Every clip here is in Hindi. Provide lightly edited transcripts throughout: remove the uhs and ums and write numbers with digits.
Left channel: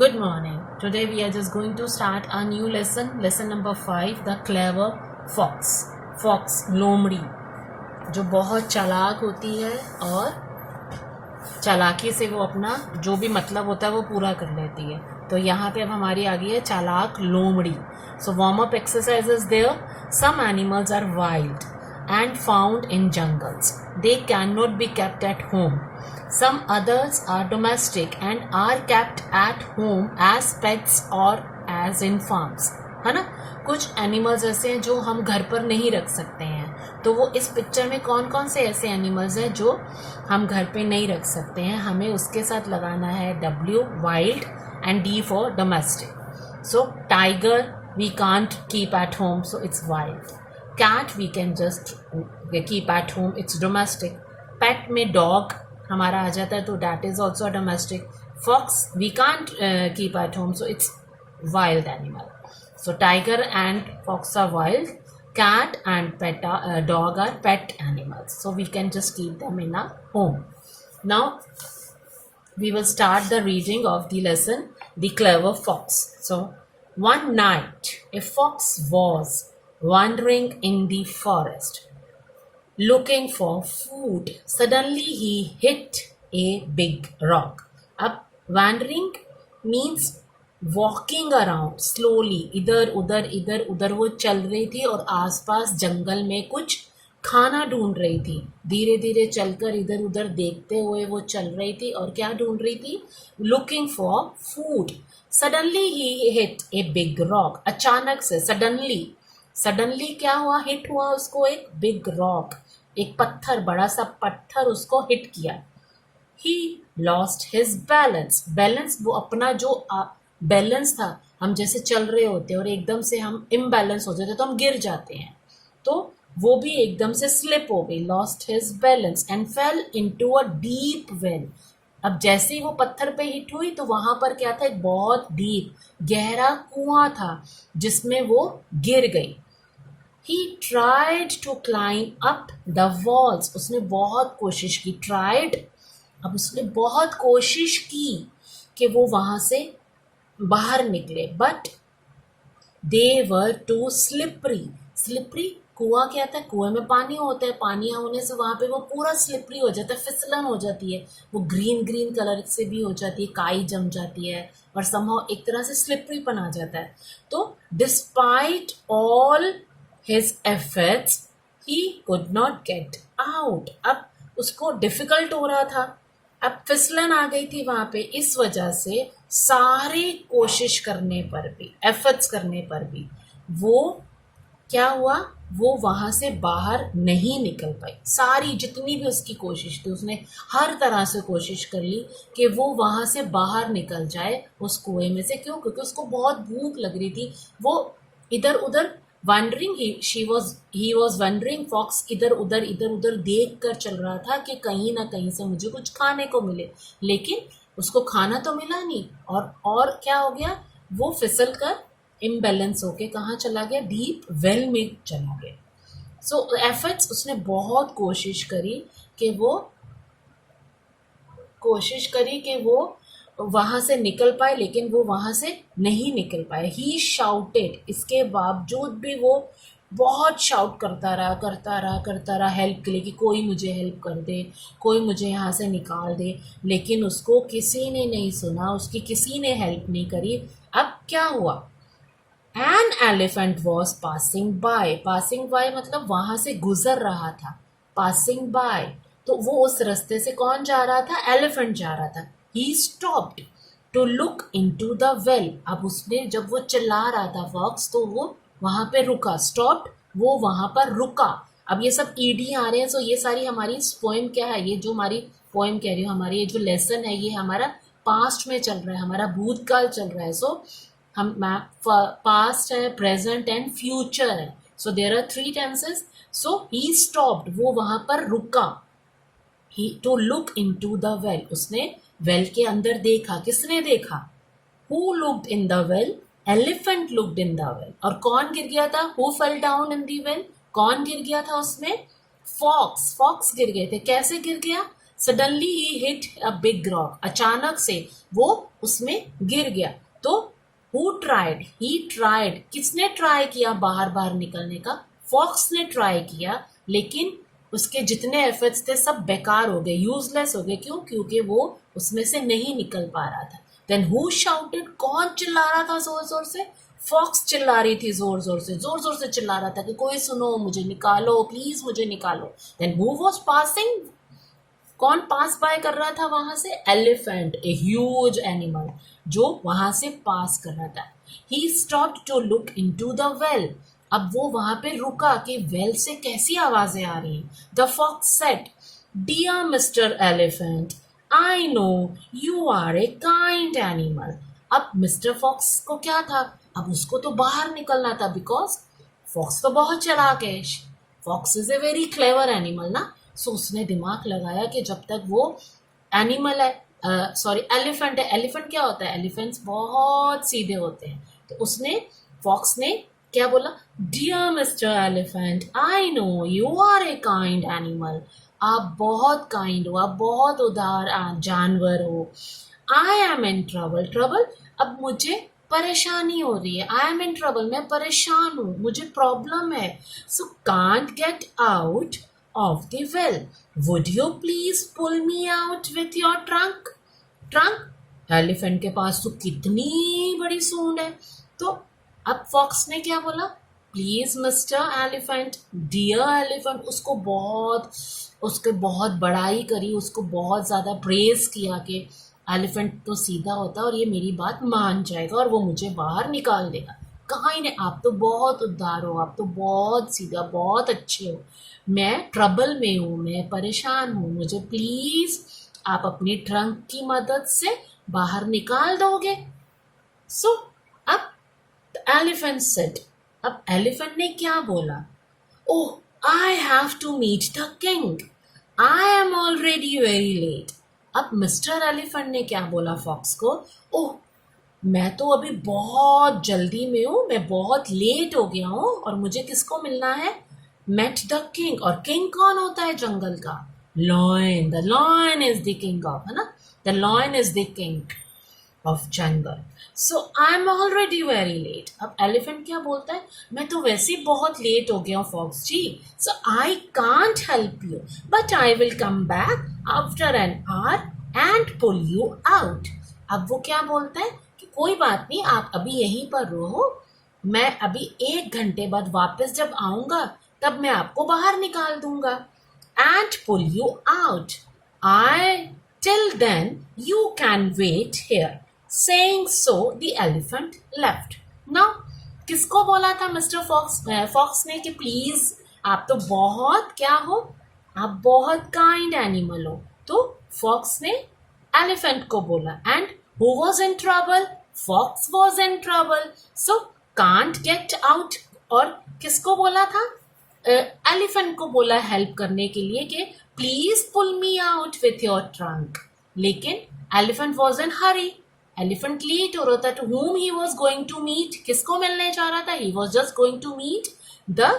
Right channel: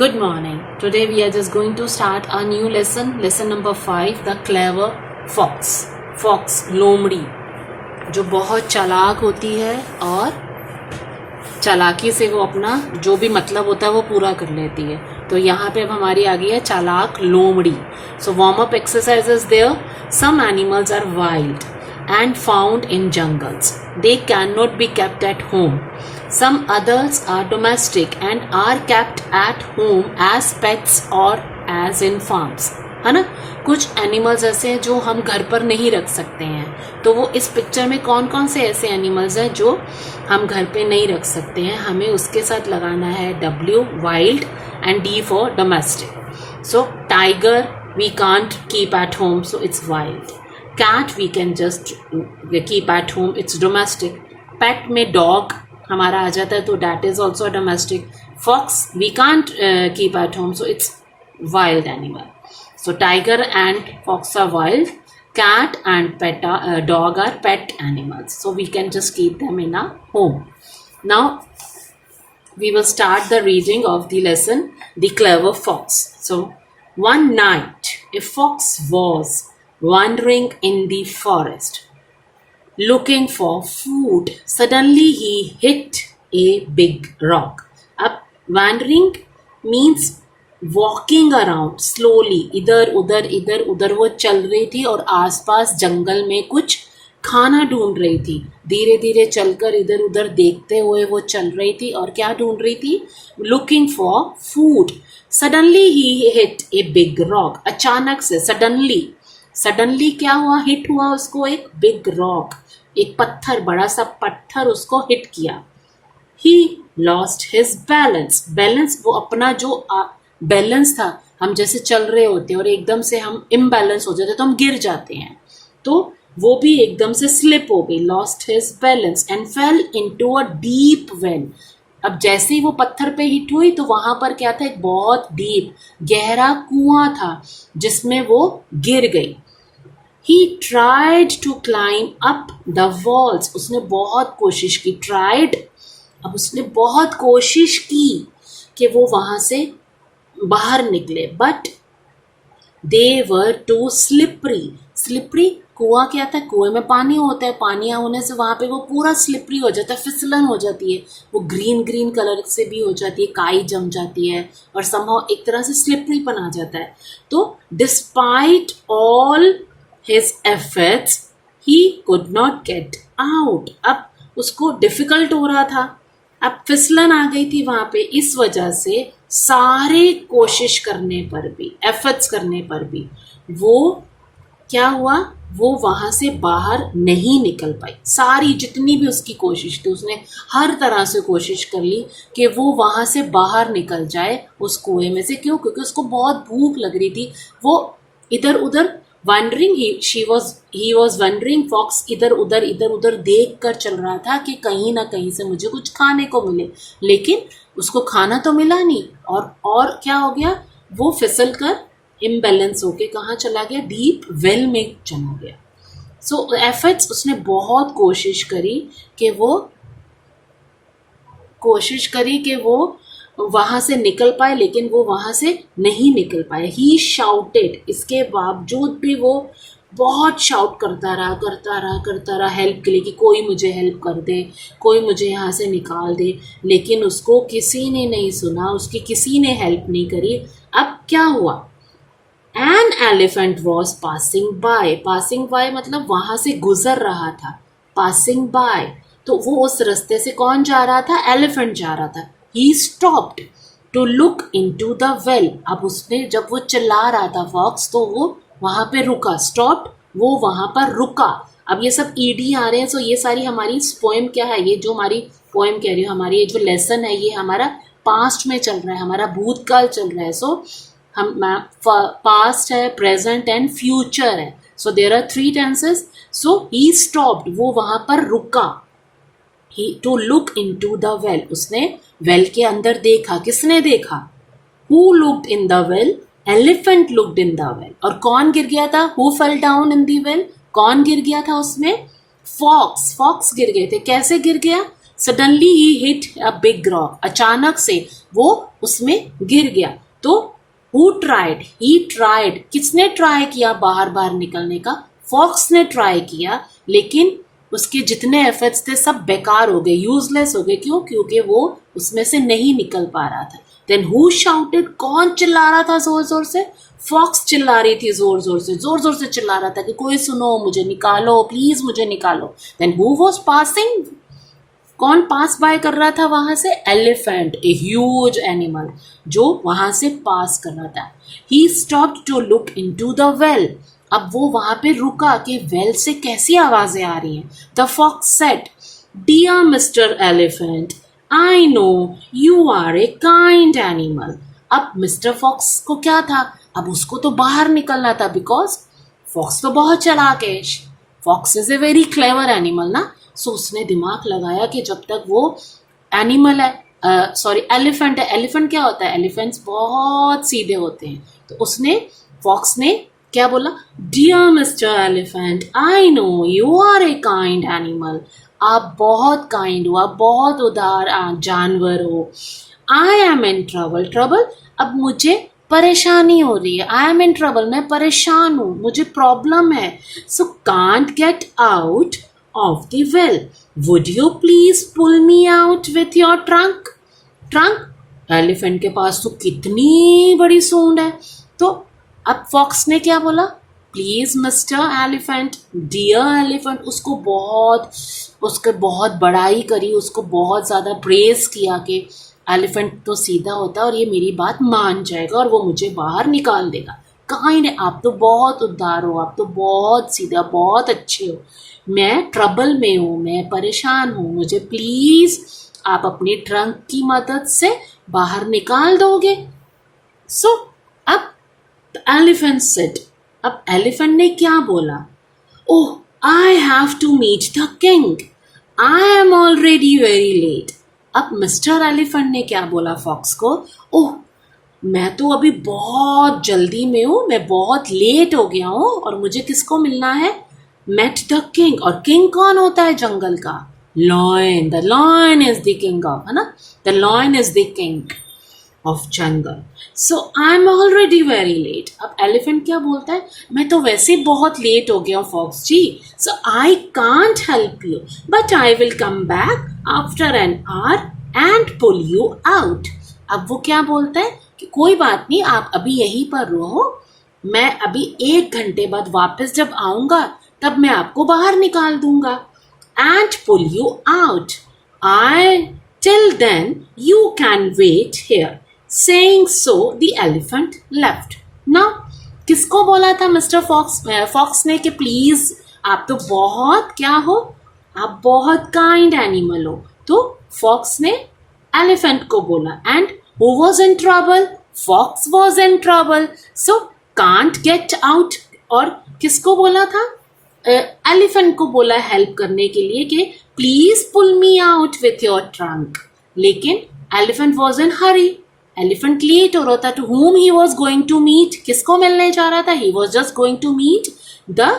Good morning. Today we are just going to start a new lesson number 5, the clever fox. Fox, लोमड़ी, जो बहुत चालाक होती है और चालाकी से वो अपना जो भी मतलब होता है वो पूरा कर लेती है. तो यहाँ पे अब हमारी आ गई है चालाक लोमड़ी. So warm up exercises there. Some animals are wild and found in jungles. They cannot be kept at home. Some others are domestic and are kept at home as pets or as in farms. है ना. कुछ एनिमल्स ऐसे हैं जो हम घर पर नहीं रख सकते हैं. तो वो इस पिक्चर में कौन कौन से ऐसे एनिमल्स हैं जो हम घर पे नहीं रख सकते हैं, हमें उसके साथ लगाना है W wild and D for domestic. So tiger we can't keep at home, so it's wild. Cat we can just keep at home, it's domestic. Pet में dog हमारा आ जाता है तो that is also a domestic. Fox we can't keep at home, so it's wild animal. So tiger and fox are wild. Cat and dog are pet animals, so we can just keep them in a home. Now we will start the reading of the lesson, The Clever Fox. So, one night a fox was wandering in the forest, looking for food. Suddenly he hit a big rock. Ab wandering means walking around slowly. इधर उधर वो चल रही थी और आसपास जंगल में कुछ खाना ढूंढ रही थी. धीरे धीरे चलकर इधर उधर देखते हुए वो चल रही थी और क्या ढूंढ रही थी? Looking for food. Suddenly he hit a big rock. अचानक से सडनली क्या हुआ? हिट हुआ उसको एक बिग रॉक, एक पत्थर, बड़ा सा पत्थर उसको हिट किया. ही लॉस्ट हिज बैलेंस वो अपना जो बैलेंस था, हम जैसे चल रहे होते हैं और एकदम से हम इम्बैलेंस हो जाते तो हम गिर जाते हैं, तो वो भी एकदम से स्लिप हो गई. Lost his balance and fail into a deep well. अब जैसे ही वो पत्थर पे हिट हुई तो वहां पर क्या था? एक बहुत डीप गहरा कुआं था जिसमें वो गिर गई. He tried to climb up the walls. उसने बहुत कोशिश की. ट्राइड, अब उसने बहुत कोशिश की कि वो वहां से बाहर निकले, but they were too slippery. कुआं क्या था? कुएं में पानी होता है, पानी होने से वहां पे वो पूरा स्लिपरी हो जाता है, फिसलन हो जाती है, वो ग्रीन कलर से भी हो जाती है, काई जम जाती है और समहाउ एक तरह से स्लिपरीपन आ जाता है. तो despite all his efforts he could not get out. अब उसको डिफिकल्ट हो रहा था, अब फिसलन आ गई थी वहां पे. इस वजह से सारे कोशिश करने पर भी, एफर्ट्स करने पर भी वो क्या हुआ? वो वहां से बाहर नहीं निकल पाई. सारी जितनी भी उसकी कोशिश थी, उसने हर तरह से कोशिश कर ली कि वो वहां से बाहर निकल जाए उस कुएं में से. क्यों? क्योंकि उसको बहुत भूख लग रही थी. वो इधर उधर wandering, he was wandering. Fox इधर उधर देख कर चल रहा था कि कहीं ना कहीं से मुझे कुछ खाने को मिले, लेकिन उसको खाना तो मिला नहीं. और क्या हो गया? वो फिसल कर इम्बैलेंस होके कहाँ चला गया? डीप वेल में चला गया. सो एफर्ट्स, उसने बहुत कोशिश करी कि वो वहां से निकल पाए, लेकिन वो वहां से नहीं निकल पाए. ही शाउटेड, इसके बावजूद भी वो बहुत शाउट करता रहा हेल्प के लिए कि कोई मुझे हेल्प कर दे, कोई मुझे यहाँ से निकाल दे, लेकिन उसको किसी ने नहीं सुना, उसकी किसी ने हेल्प नहीं करी. अब क्या हुआ? An elephant was passing by मतलब वहां से गुजर रहा था. passing by, तो वो उस रास्ते से कौन जा रहा था? एलिफेंट जा रहा था. He stopped to look into the well. अब उसने, जब वो चिल्ला रहा था फॉक्स, तो वो वहां पे रुका. stopped, वो वहां पर रुका. अब ये सब ईडी आ रहे हैं. सो ये सारी हमारी पोएम क्या है? ये जो हमारी पोएम कह रही हूँ, हमारी ये जो लेसन है, ये हमारा पास्ट में चल रहा है, हमारा भूतकाल चल रहा है. सो हम पास्ट है, प्रेजेंट एंड फ्यूचर है. So there are 3 tenses. So he stopped, वो वहां पर रुका. He to look into the well, उसने वेल के अंदर देखा. किसने देखा? Who looked in the well? Elephant looked in the well. और कौन गिर गया था? Who fell down in the well? कौन गिर गया था उसमें? फॉक्स गिर गए थे. कैसे गिर गया? Suddenly he hit a big rock. अचानक से वो उसमें गिर गया। तो हु ट्राइड, ही ट्राइड, किसने ट्राई किया बाहर बाहर निकलने का? फॉक्स ने ट्राई किया, लेकिन उसके जितने एफर्ट्स थे सब बेकार हो गए, यूजलेस हो गए। क्यों? क्योंकि वो उसमें से नहीं निकल पा रहा था। देन हु शाउटेड, कौन चिल्ला रहा था जोर जोर से? फॉक्स चिल्ला रही थी जोर जोर से चिल्ला रहा था कि कोई सुनो, मुझे निकालो प्लीज, मुझे निकालो। देन हु वॉज पासिंग, कौन पास बाय कर रहा था वहां से? एलिफेंट, ए ह्यूज एनिमल जो वहां से पास कर रहा था। He stopped to look into the well, अब वो वहां पे रुका कि वेल से कैसी आवाजें आ रही हैं। The fox said, dear mister elephant, I know you are a kind animal. अब मिस्टर फॉक्स को क्या था? अब उसको तो बाहर निकलना था, बिकॉज फॉक्स तो बहुत चालाक है। Fox is a very clever animal ना। सो उसने दिमाग लगाया कि जब तक वो एनिमल है, सॉरी एलिफेंट है। एलिफेंट क्या होता है? एलिफेंट्स बहुत सीधे होते हैं। तो उसने, फॉक्स ने क्या बोला? Dear mister elephant, I know you are a kind animal, आप बहुत काइंड हो, आप बहुत उदार जानवर हो। I am in trouble, trouble, अब मुझे परेशानी हो रही है। आई एम इन ट्रबल, मैं परेशान हूँ, मुझे प्रॉब्लम है। So can't get out of the well, would you please pull me out with your trunk? Trunk, elephant के पास तो कितनी बड़ी सूंड है। तो अब फॉक्स ने क्या बोला? Please mister elephant, dear elephant, उसको बहुत, उसके बहुत बड़ाई करी, उसको बहुत ज़्यादा प्रेज किया कि एलिफेंट तो सीधा होता है और ये मेरी बात मान जाएगा और वो मुझे बाहर निकाल देगा। काइंड, आप तो बहुत उदार हो, आप तो बहुत सीधा, बहुत अच्छे हो। मैं ट्रबल में हूँ, मैं परेशान हूँ, मुझे प्लीज आप अपनी ट्रंक की मदद से बाहर निकाल दोगे? सो अब एलिफेंट सेड, अब एलिफेंट ने क्या बोला? Oh, I have to meet the king, I am already very late. अब मिस्टर एलिफेंट ने क्या बोला फॉक्स को? ओह, मैं तो अभी बहुत जल्दी में हूँ, मैं बहुत लेट हो गया हूँ और मुझे किसको मिलना है? Met the king. और किंग कौन होता है जंगल का? Lion, the lion is the king of, है ना, the lion is the king of jungle. So I am already very late. अब एलिफेंट क्या बोलता है? मैं तो वैसे बहुत लेट हो गया हूँ fox ji, so I can't help you, but I will come back after an hour and pull you out. अब वो क्या बोलता है कि कोई बात नहीं, आप अभी यहीं पर रहो, मैं अभी 1 घंटे बाद वापस जब आऊंगा तब मैं आपको बाहर निकाल दूंगा, and pull you out. I till then you can wait here. Saying so, the elephant left. Now, किसको बोला था मिस्टर फॉक्स? फॉक्स ने कि प्लीज आप तो बहुत क्या हो, आप बहुत काइंड एनिमल हो। तो फॉक्स ने एलिफेंट को बोला, and who was in trouble? Fox was in trouble, so can't get out. और किसको बोला था? एलिफेंट को बोला हेल्प करने के लिए कि please pull me out with your trunk. लेकिन elephant was in hurry, elephant late हो रहा था। To whom he was going to meet, किसको मिलने जा रहा था? he was just going to meet the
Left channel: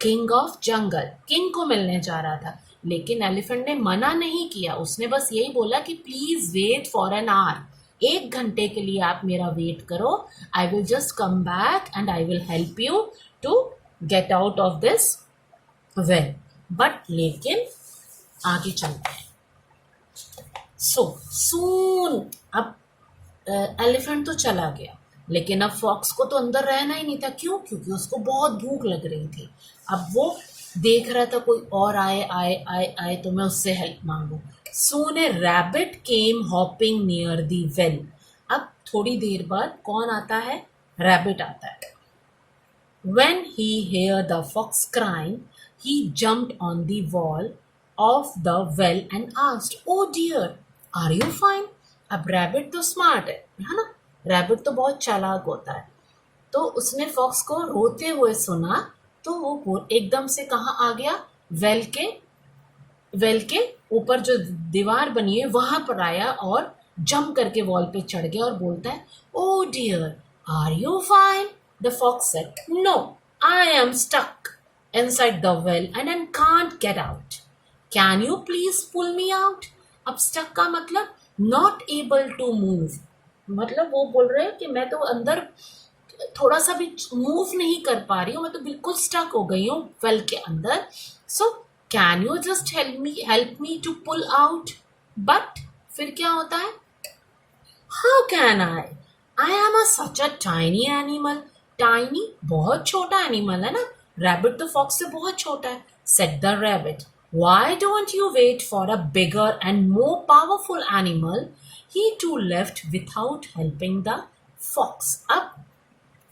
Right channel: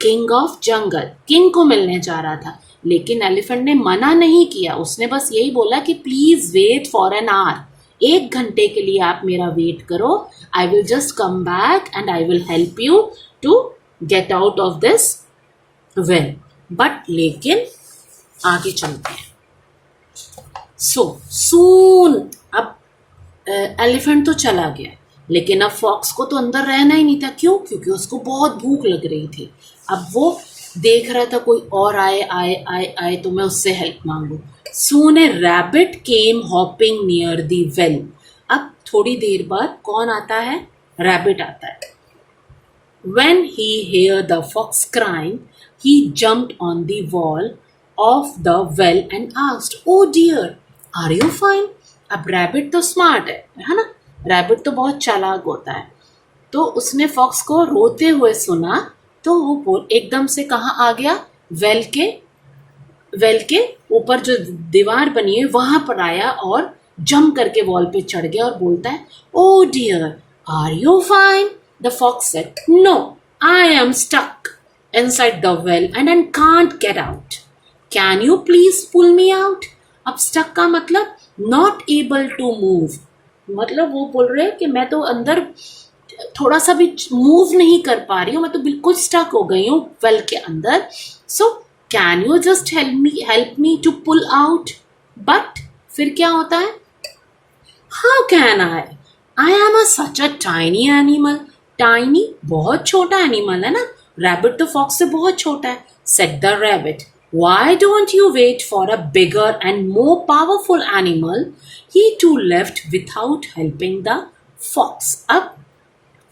king of jungle, king को मिलने जा रहा था। लेकिन एलिफेंट ने मना नहीं किया, उसने बस यही बोला कि please wait for an hour, 1 घंटे के लिए आप मेरा वेट करो, I will just come back and I will help you to get out of this well. But लेकिन आगे चलते हैं। सो सून, अब एलिफेंट तो चला गया, लेकिन अब फॉक्स को तो अंदर रहना ही नहीं था। क्यों? क्योंकि उसको बहुत भूख लग रही थी। अब वो देख रहा था कोई और आए आए आए आए तो मैं उससे हेल्प मांगू। Soon a rabbit came hopping near the well. अब थोड़ी देर बाद कौन आता है? रैबिट आता है। When he heard the fox crying, he jumped on the wall of the well and asked, "Oh dear, are you fine?" अब रैबिट तो स्मार्ट है ना, रैबिट तो बहुत चालाक होता है। तो उसने फॉक्स को रोते हुए सुना, तो वो एकदम से कहाँ आ गया? वेल के ऊपर जो दीवार बनी है वहां पर आया और जंप करके वॉल पे चढ़ गया और बोलता है, "Oh dear, are you fine?" The fox said, "No, I am stuck inside the well and I can't get out. Can you please pull me out?" अब stuck का मतलब नॉट एबल टू मूव, मतलब वो बोल रहे हैं कि मैं तो अंदर थोड़ा सा भी मूव नहीं कर पा रही हूँ, मैं तो बिल्कुल स्टक हो गई हूँ वेल के अंदर. So can you just help me to pull out. But फिर क्या होता है, how can I am such a tiny animal. Tiny बहुत छोटा एनिमल है ना, रैबिट तो फॉक्स से बहुत छोटा है. Said the rabbit, why don't you wait for a bigger and more powerful animal. He too left without helping the fox. अब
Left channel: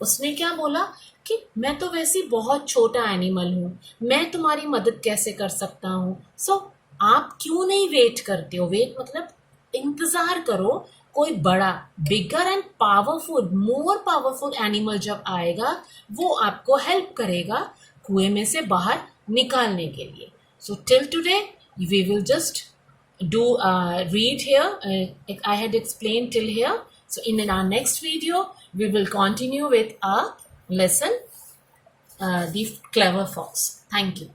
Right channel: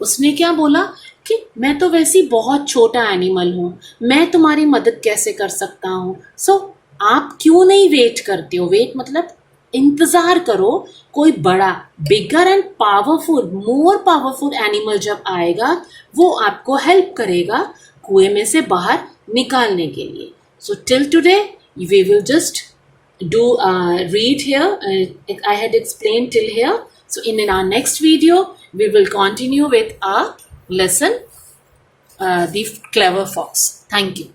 उसने क्या बोला कि मैं तो वैसे ही बहुत छोटा एनिमल हूँ, मैं तुम्हारी मदद कैसे कर सकता हूँ. सो आप क्यों नहीं वेट करते हो. वेट मतलब इंतजार करो, कोई बड़ा bigger and powerful more powerful animal जब आएगा वो आपको हेल्प करेगा कुएं में से बाहर निकालने के लिए. So till today we will just do read here. I had explained till here. So in our next video, we will continue with our lesson, The Clever Fox. Thank you.